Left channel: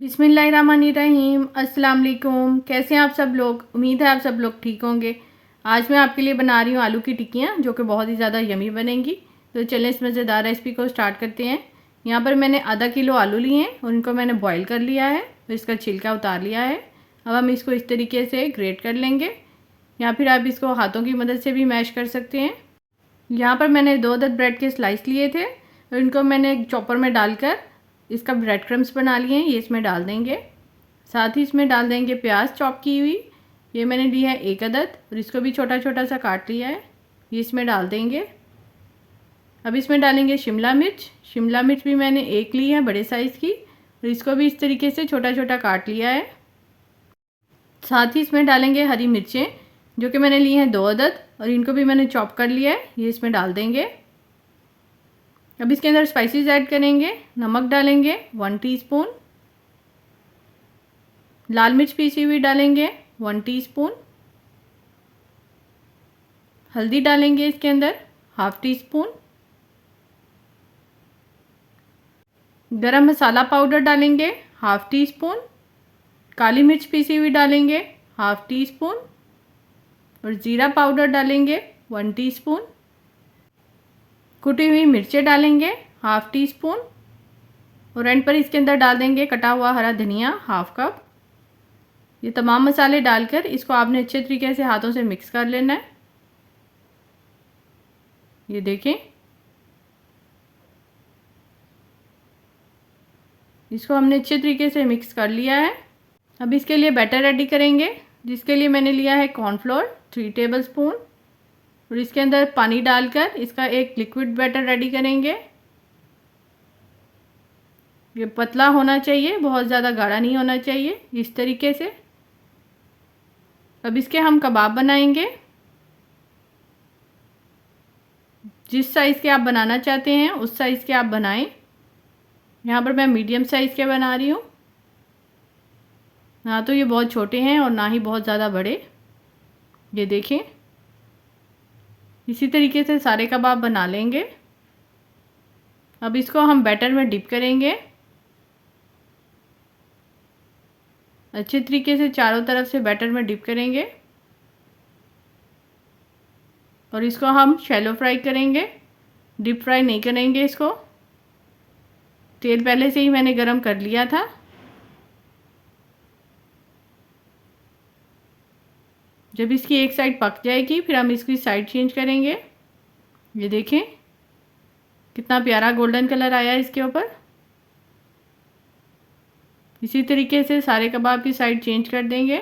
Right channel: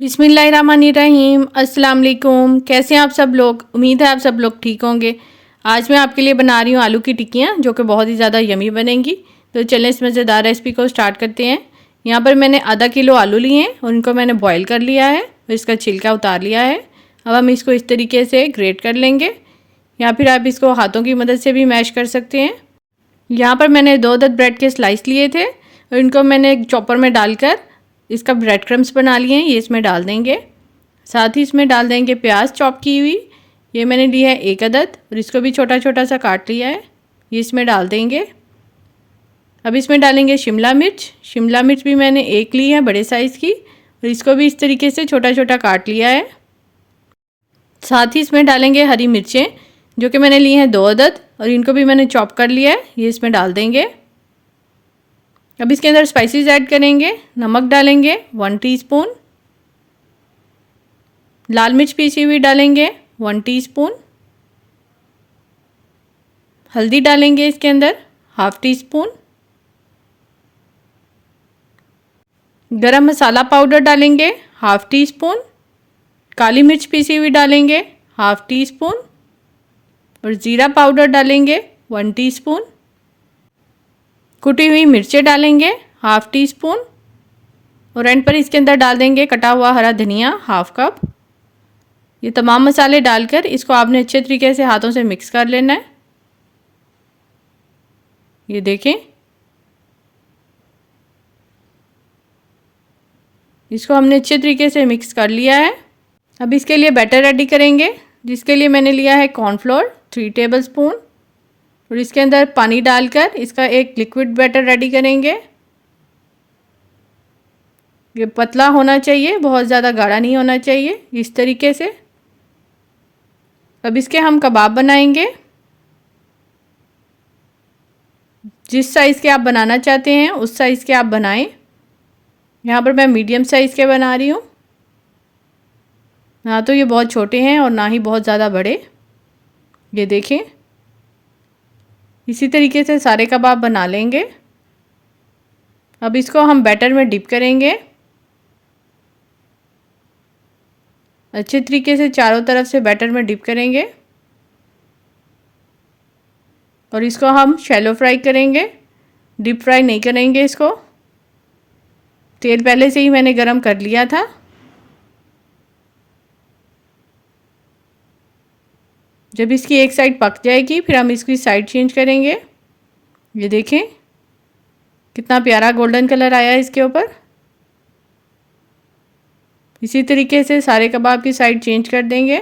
बिस्मिल्लाहिर्रहमानिर्रहीम। अस्सलाम वालेकुम। कैसे हैं आप सब लोग? उम्मीद है आप सब लोग ठीक होंगे। आज मैं आपके लिए बना रही हूँ आलू की टिक्कियाँ, जो कि बहुत ही ज़्यादा यमी बनेंगी। तो चलें इस मज़ेदार रेसिपी को स्टार्ट करते हैं। यहाँ पर मैंने आधा किलो आलू लिए हैं और इनको मैंने बॉईल कर लिया है और इसका छिलका उतार लिया है। अब हम इसको इस तरीके से ग्रेट कर लेंगे, या फिर आप इसको हाथों की मदद से भी मैश कर सकते हैं। यहाँ पर मैंने 2 अदद ब्रेड के स्लाइस लिए थे और इनको मैंने एक चॉपर में डालकर इसका ब्रेड क्रम्स बना लिए हैं, ये इसमें डाल देंगे। साथ ही इसमें डाल देंगे प्याज चॉप की हुई, ये मैंने ली है 1 अदद और इसको भी छोटा छोटा सा काट लिया है, ये इसमें डाल देंगे। अब इसमें डालेंगे शिमला मिर्च भी मैंने 1 ली है बड़े साइज़ की और इसको भी इस तरीके से छोटा छोटा काट लिया है। साथ ही इसमें डालेंगे हरी मिर्चें, जो कि मैंने ली हैं 2 अदद और इनको भी मैंने चॉप कर लिया है, ये इसमें डाल देंगे। अब इसके अंदर स्पाइसेस ऐड करेंगे। नमक डालेंगे 1 टीस्पून, लाल मिर्च पीसी हुई डालेंगे 1 टीस्पून, हल्दी डालेंगे इसके अंदर 1/2 टीस्पून, गरम मसाला पाउडर डालेंगे 1/2 टीस्पून, काली मिर्च पीसी हुई डालेंगे 1/2 टीस्पून और ज़ीरा पाउडर डालेंगे 1 टीस्पून। कुटी हुई मिर्चें डालेंगे 1/2 टीस्पून और एंड पर इसके अंदर डाल देंगे कटा हुआ हरा धनिया 1/2 कप। ये तमाम मसाले डालकर इसको आपने अच्छे तरीके से हाथों से मिक्स कर लेना है। ये देखें, इसको हमने अच्छे तरीके से मिक्स कर लिया है। अब इसके लिए बैटर रेडी करेंगे, जिसके लिए मैंने लिया है कॉर्नफ्लोर 3 टेबलस्पून और इसके अंदर पानी डालकर इसका एक लिक्विड बैटर रेडी करेंगे। ये पतला होना चाहिए, बहुत ज़्यादा गाढ़ा नहीं होना चाहिए, इस तरीके से। अब इसके हम कबाब बनाएंगे। जिस साइज़ के आप बनाना चाहते हैं उस साइज़ के आप बनाएं। यहाँ पर मैं मीडियम साइज़ के बना रही हूँ, ना तो ये बहुत छोटे हैं और ना ही बहुत ज़्यादा बड़े। ये देखें, इसी तरीके से सारे कबाब बना लेंगे। अब इसको हम बैटर में डिप करेंगे, अच्छे तरीके से चारों तरफ से बैटर में डिप करेंगे और इसको हम शैलो फ्राई करेंगे, डीप फ्राई नहीं करेंगे इसको। तेल पहले से ही मैंने गरम कर लिया था। जब इसकी एक साइड पक जाएगी फिर हम इसकी साइड चेंज करेंगे। ये देखें कितना प्यारा गोल्डन कलर आया है इसके ऊपर। इसी तरीके से सारे कबाब की साइड चेंज कर देंगे।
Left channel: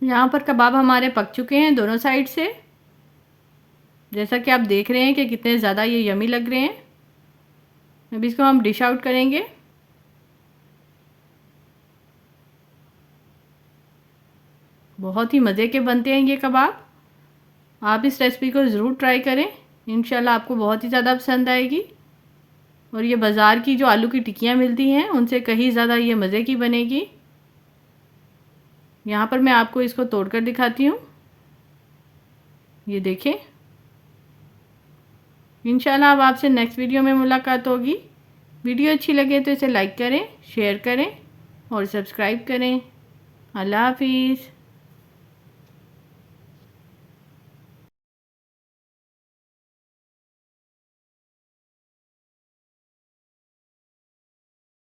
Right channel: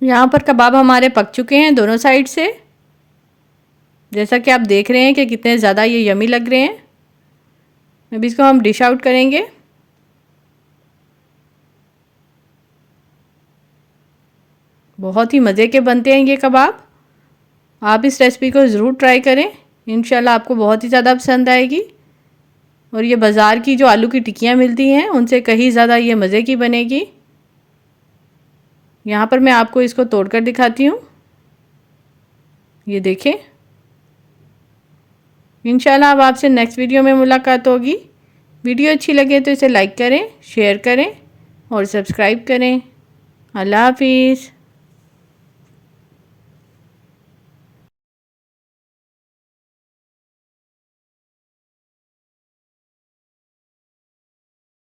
यहाँ पर कबाब हमारे पक चुके हैं दोनों साइड से, जैसा कि आप देख रहे हैं कि कितने ज़्यादा ये यमी लग रहे हैं। अब इसको हम डिश आउट करेंगे। बहुत ही मज़े के बनते हैं ये कबाब। आप इस रेसिपी को ज़रूर ट्राई करें, इंशाल्लाह आपको बहुत ही ज़्यादा पसंद आएगी। और ये बाज़ार की जो आलू की टिक्कियाँ मिलती हैं उनसे कहीं ज़्यादा ये मज़े की बनेगी। यहाँ पर मैं आपको इसको तोड़कर दिखाती हूँ। ये देखें, इंशाल्लाह अब आपसे नेक्स्ट वीडियो में मुलाकात होगी। वीडियो अच्छी लगे तो इसे लाइक करें, शेयर करें और सब्सक्राइब करें। अल्लाह हाफिज़।